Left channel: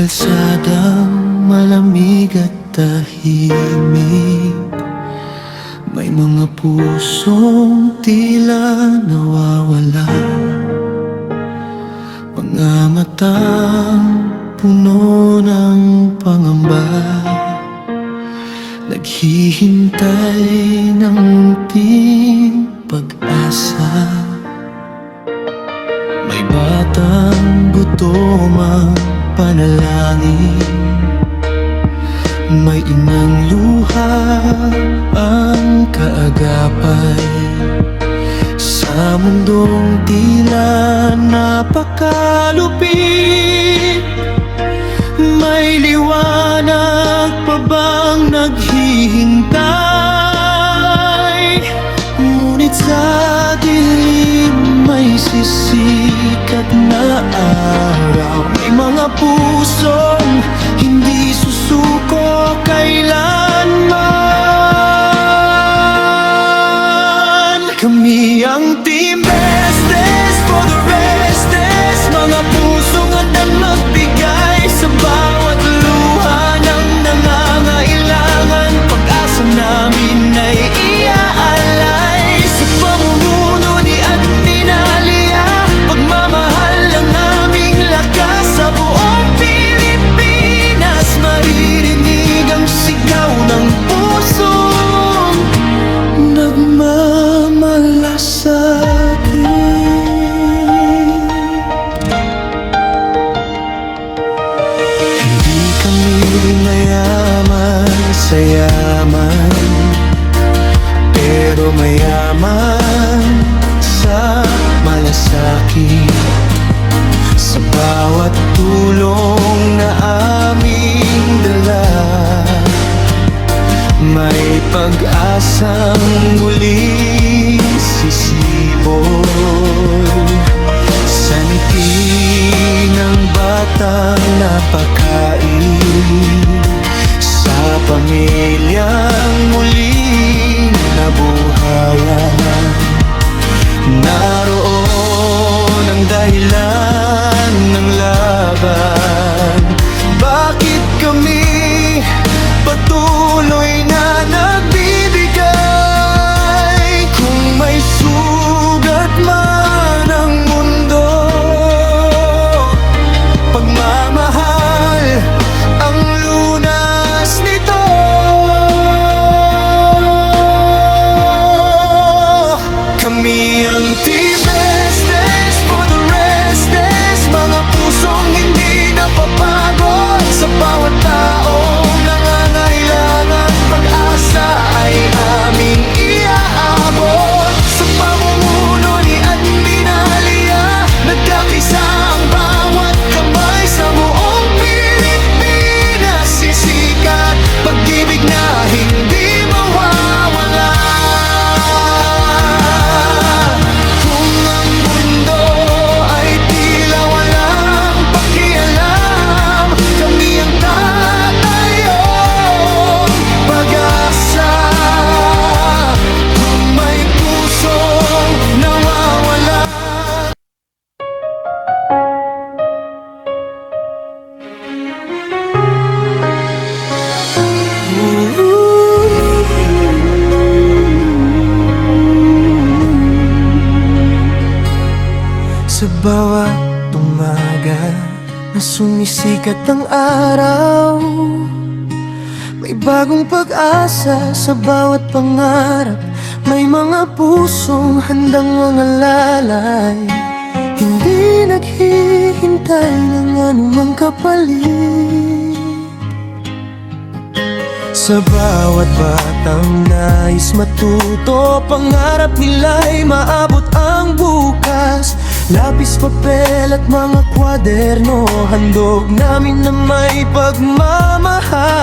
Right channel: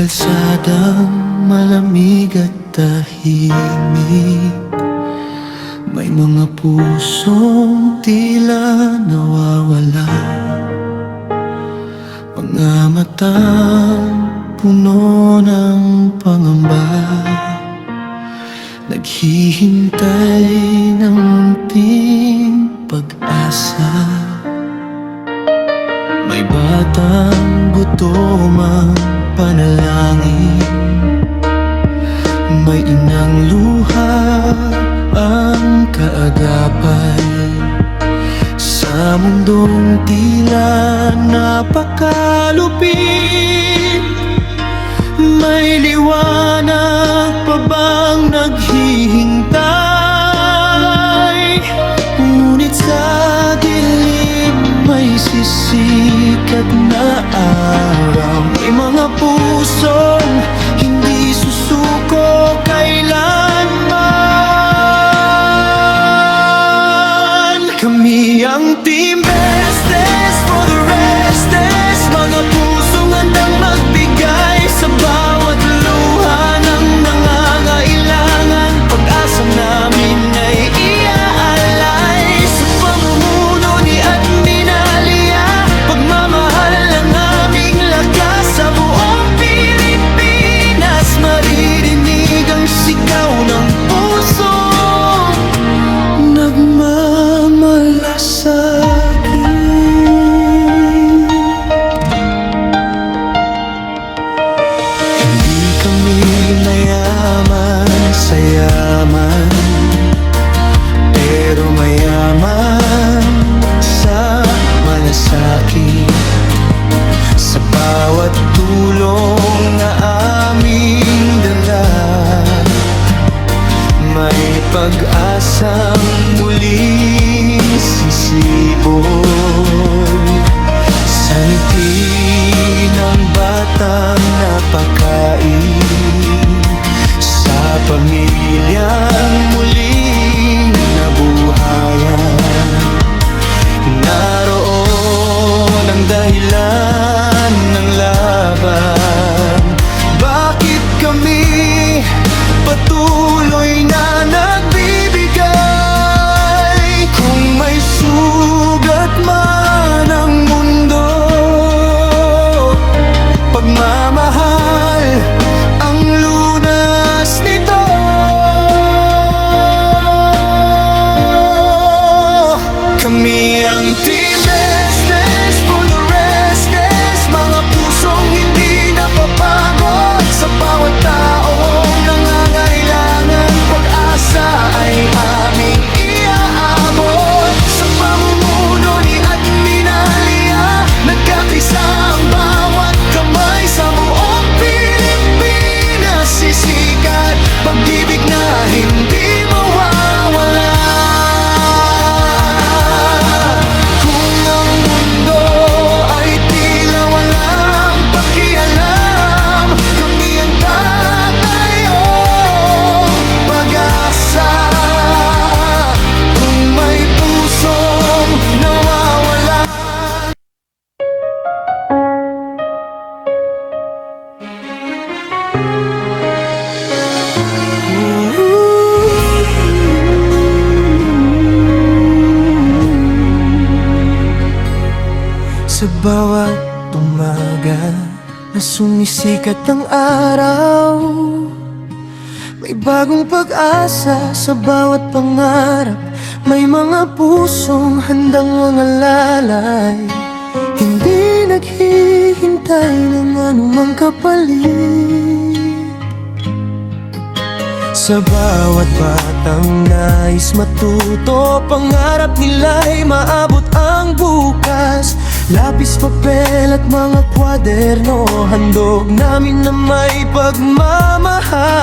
kalsadang malamig at tahimik, may mga pusong tila nawawala, mga matang puno ng pangamba, naghihintay ng munting pag-asa. May batang gutom ang panalangin, may inang luha ang kaagapay. Sa mundong tila napakalupit, may liwanag pa bang naghihintay? Ngunit sa dilim may sisikat na araw, may mga pusong hindi susuko kailanman. Kami ang Team Bestes for the Restless, mga pusong handang magbigay sa bawat luha ng nangangailangan. Pag-asa namin ay iaalay sa pamumuno ni Admin Alia. Pagmamahal ng aming lakas sa buong Pilipinas, maririnig ang sigaw ng pusong nagmamalasakit. Hindi kami mayaman sa yaman, pero mayaman sa malasakit. Sa bawat tulong na aming dala, may pag-asang muling sisibol. Sa ngiti ng batang napakain, sa pamilyang muling nabuhayan, naroon ang dahilan ng laban. Bakit kami patuloy na nagbibigay? Kung may sugat man ang mundo, pagmamahal ang lunas nito. Kami ang Team Bestes for the Restless, mga pusong hindi napapagod sa bawat taong nangangailangan. Pag-asa ay aming iaabot sa pamumuno ni Admin Alia. Nagkakaisa ang bawat kamay sa buong Pilipinas. Sisikat pag-ibig na hindi mawawala. Kung ang mundo ay tila walang pakialam, kami ang tatayong pag-asa. Kung may pusong nawawala, sa bawat umaga na sumisikat ang araw, may bagong pag-asa sa bawat pangarap. May mga pusong handang mangalalay, hindi naghihintay ng anumang kapalit. Sa bawat batang nais matuto, pangarap nila'y maabot ang bukas. Lapis, papel at mga kwaderno, handog namin na may pagmamahal.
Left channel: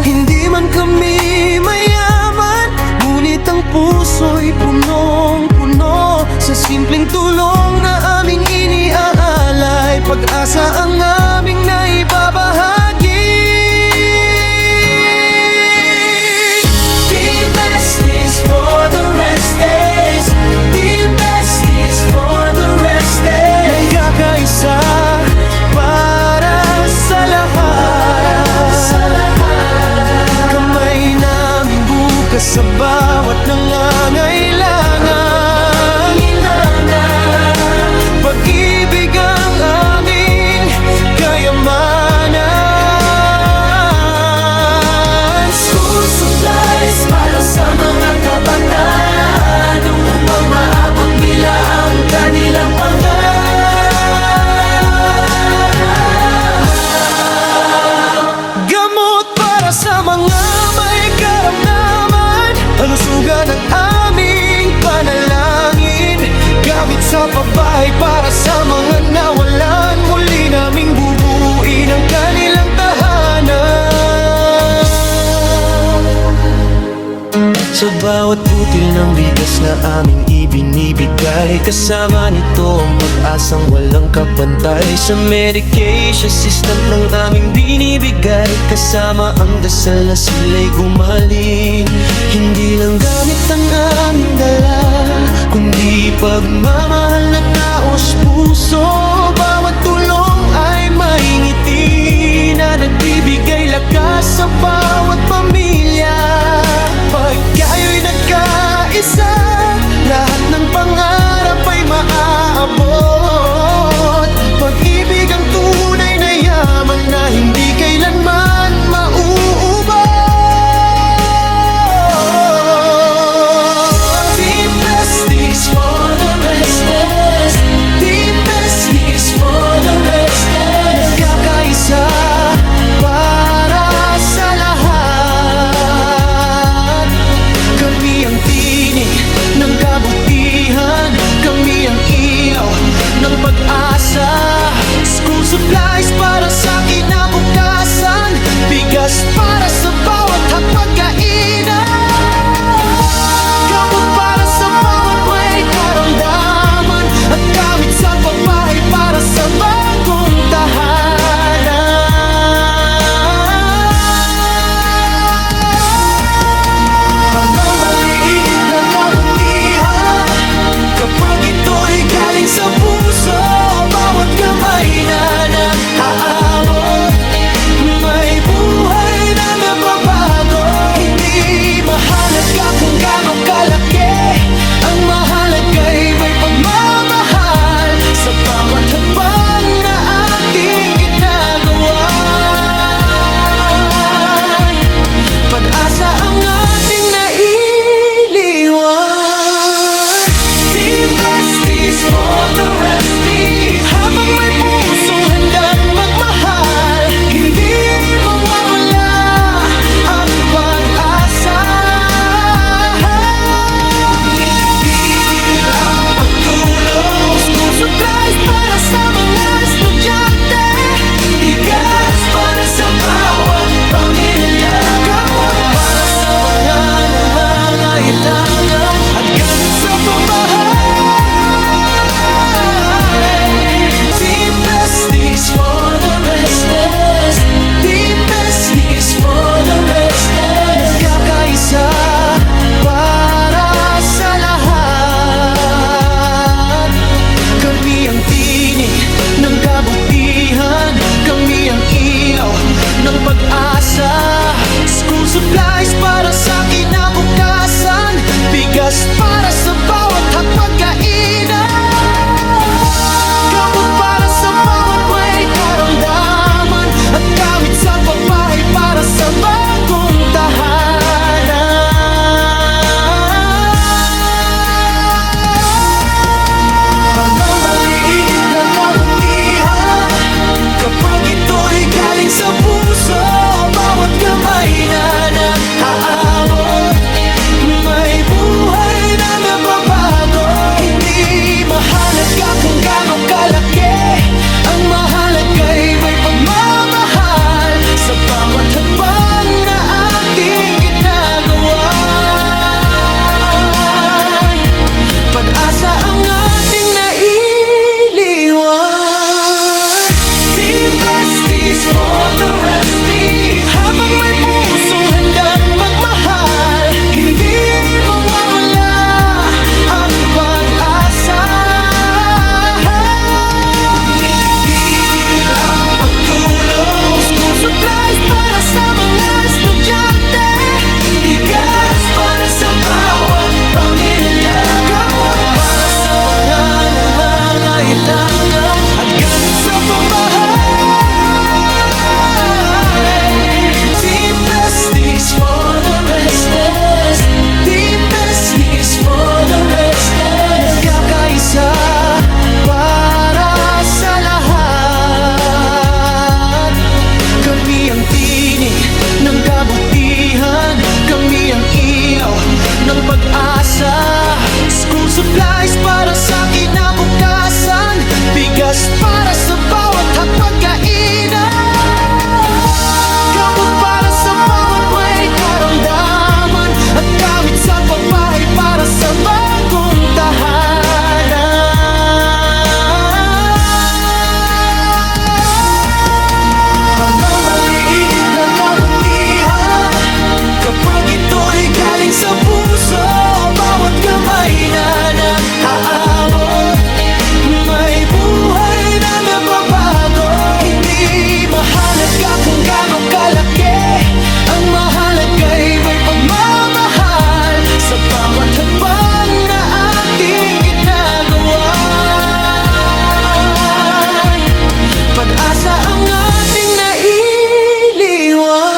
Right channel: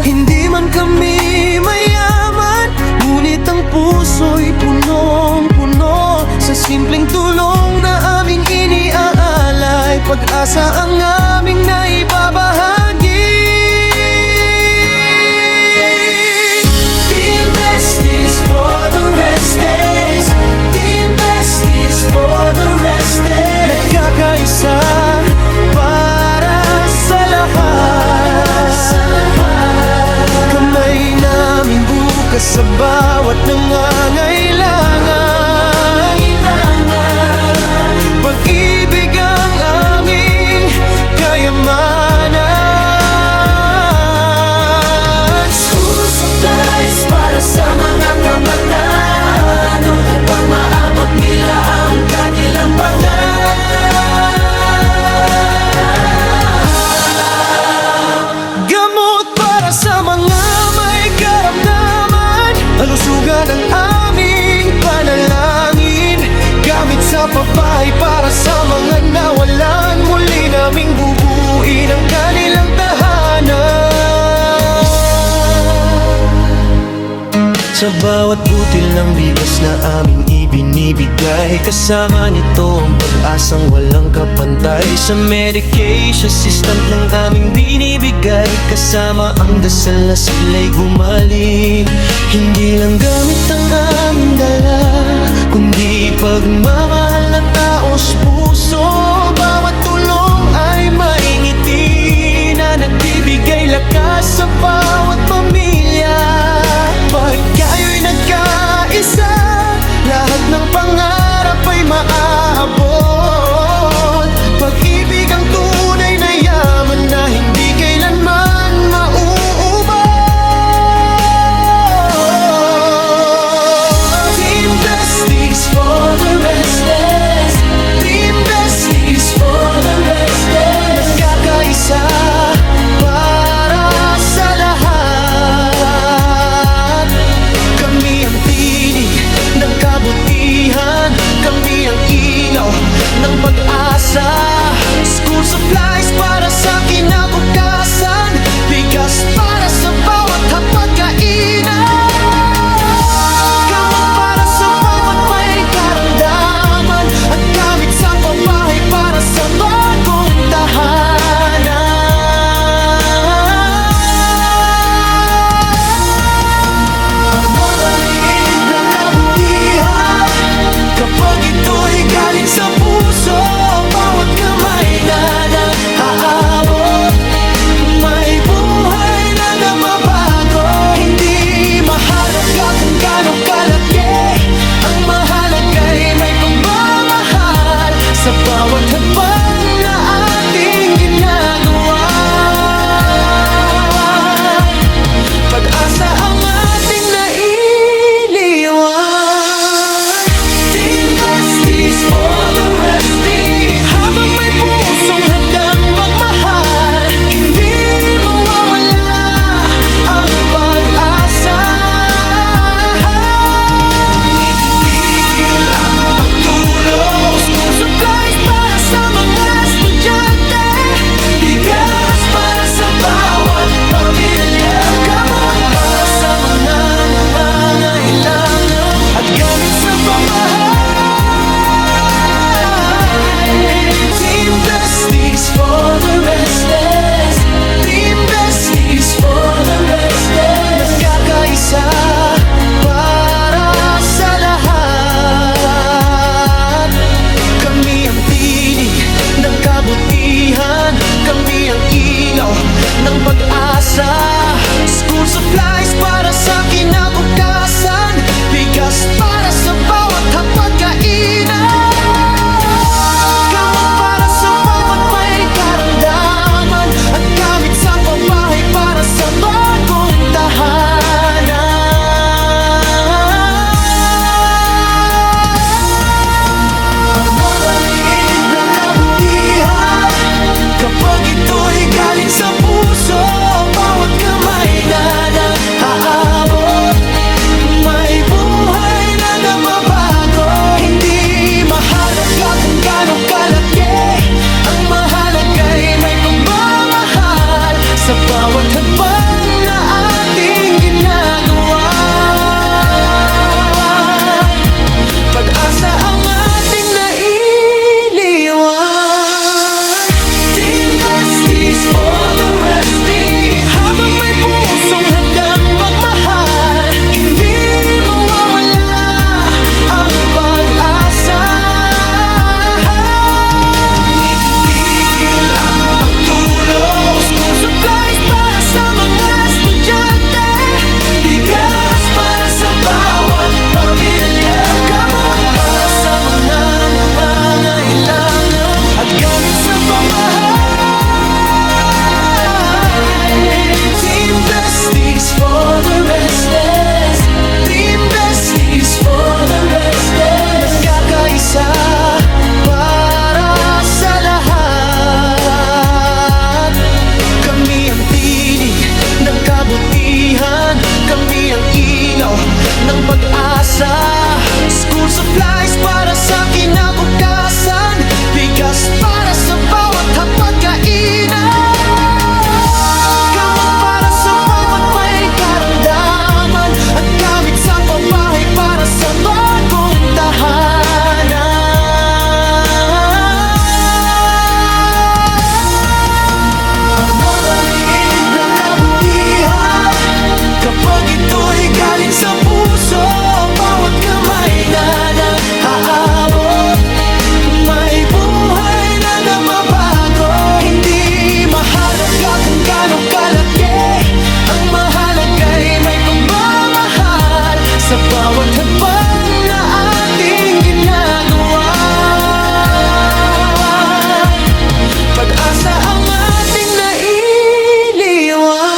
Hindi man kami mayaman, ngunit ang puso'y punong-puno sa simpleng tulong na aming iniaalay. Pag-asa ang aming naibabahagi. Team Besties for the Restless, Team Besties for the Restless, nagkakaisa para sa lahat. ka sa bawat nangangailangan. Pag-ibig ang aming kayamanan. School supplies para sa mga kabataan upang maabot nila ang kanilang pangarap. Gamot para sa mga may karamdaman, kalusugan ang aming panalangin. Gamit sa pabahay para sa mga nawalan, muli naming bubuin ang kanilang tahanan. Sa bawat butil ng bigas na aming ibinibigay, kasama nito ang pag-asang walang kapantay. Sa medication assistant ng aming binibigay, kasama ang dasal na sila'y gumaling. Hindi lang gamit ang aming dala, kundi pagmamahal na taos puso. Bawat tulong ay may ngiti na nagbibigay lakas sa bawat pamilya. Pag kayo'y nagkaisa, lahat ng pangarap ay maaabot. Pag-ibig ang tunay na yaman na hindi kailanman mauubos. Team Besties for the restless, Team Besties for the restless. Nagkakaisa para sa lahat. Kami ang tinig ng kabutihan, kami ang ilaw ng pag-asa. School supplies para sa kinabukasan, bigas para sa bawat hapag-kainan. Gamot para sa bawat may karamdaman, at gamit sa pabahay para sa bagong tahanan. Pagmamaliit na kabutihan, kapag ito'y galing sa puso, bawat kamay na naaabot, may buhay na nababago. Hindi mahalaga kung gaano kalaki, ang mahalaga'y may pagmamahal sa bawat hakbang na ating ginagawa. Pag-asa ang ating nailiwan. Team Besties for the resting, habang may pusong handang magmahal, hindi mawawala ang pag-asa. Itigil ang pagtulong, school supplies para sa mga estudyante, bigas para sa bawat pamilya, gamot para sa mga nangangailangan, at gamit sa pabahay. Team Besties for the restless, Team Besties for the restless. Nagkakaisa para sa lahat. Kami ang tinig ng kabutihan, kami ang ilaw ng pag-asa. School supplies para sa kinabukasan, bigas para sa bawat hapag-kainan. Gamot para sa bawat may karamdaman, at gamit sa pabahay para sa bagong tahanan. Pagmamaliit na kabutihan, kapag ito'y galing sa puso, bawat kamay na naaabot, may buhay na nababago. Hindi mahalaga kung gaano kalaki, ang mahalaga'y may pagmamahal sa bawat hakbang na ating ginagawa. Pag-asa ang ating nailiwan. Team Besties for the resting, habang may pusong handang magmahal, hindi mawawala ang pag-asa. Itigil ang pagtulong, school supplies para sa mga estudyante, bigas para sa pabahay. Team Besties for the restless, Team Besties for the restless. Nagkakaisa para sa lahat. Kami ang tinig ng kabutihan, kami ang ilaw ng pag-asa. School supplies para sa kinabukasan, bigas para sa bawat hapag-kainan, gamot para sa bawat may karamdaman, at gamit sa pabahay para sa bagong tahanan. Kapag ito'y galing sa puso, bawat kamay na nag-aabot, may buhay na nababago. Hindi mahalaga kung gaano kalaki, ang mahalaga'y may pagmamahal sa bawat hakbang na ating ginagawa. Pag-asa ang ating nailiwan.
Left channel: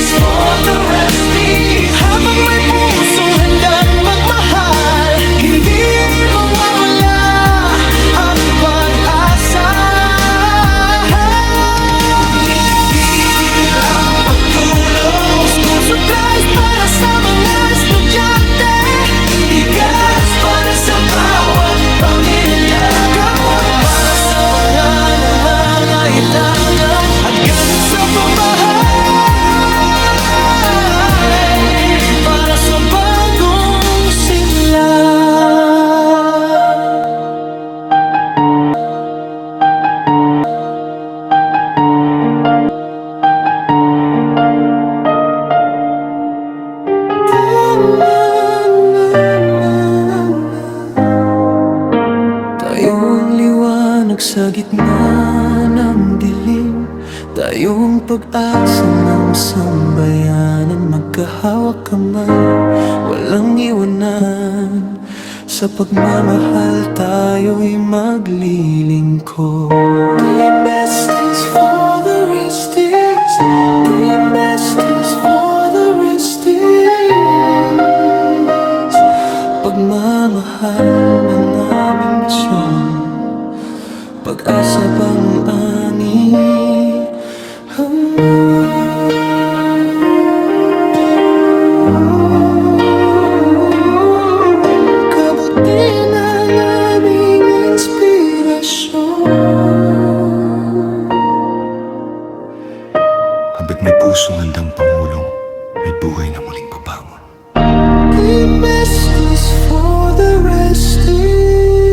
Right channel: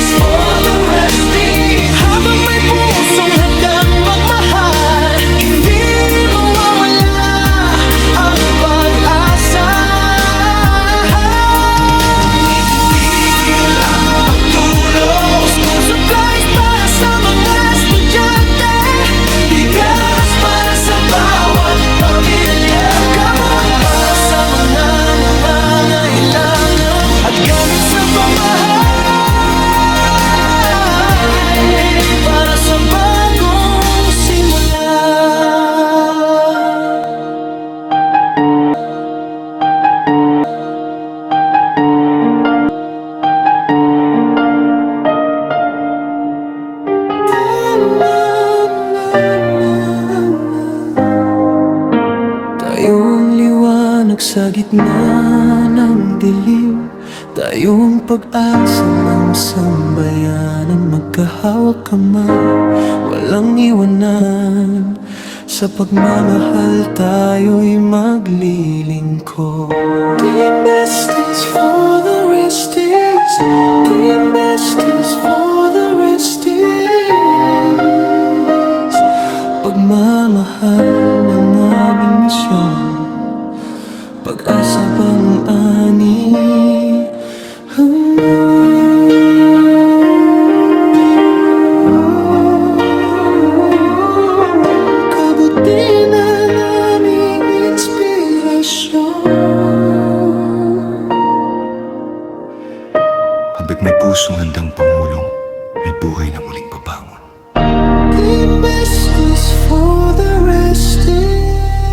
For the resting, habang may pusong handang magmahal, hindi mawawala ang pag-asa. Itigil ang pagtulong, school supplies para sa mga estudyante, bigas para sa bawat pamilya, gamot para sa mga nangangailangan, at gamit sa pabahay para sa bagong simula. Tayong liwanag sa gitna ng dilim, tayong pag-asa ng sambayanan. Magkahawak kamay, walang iwanan, sa pagmamahal tayo'y maglilingkod. Team Besties for the resties, Team Besties for the resties. Pagmamahal ang aming misyon, pag-asa bang ani? Kabuti ng aming inspirasyon. Habang may pusong handang pangulong, may buhay na muling babangon. Team Besties for the resting.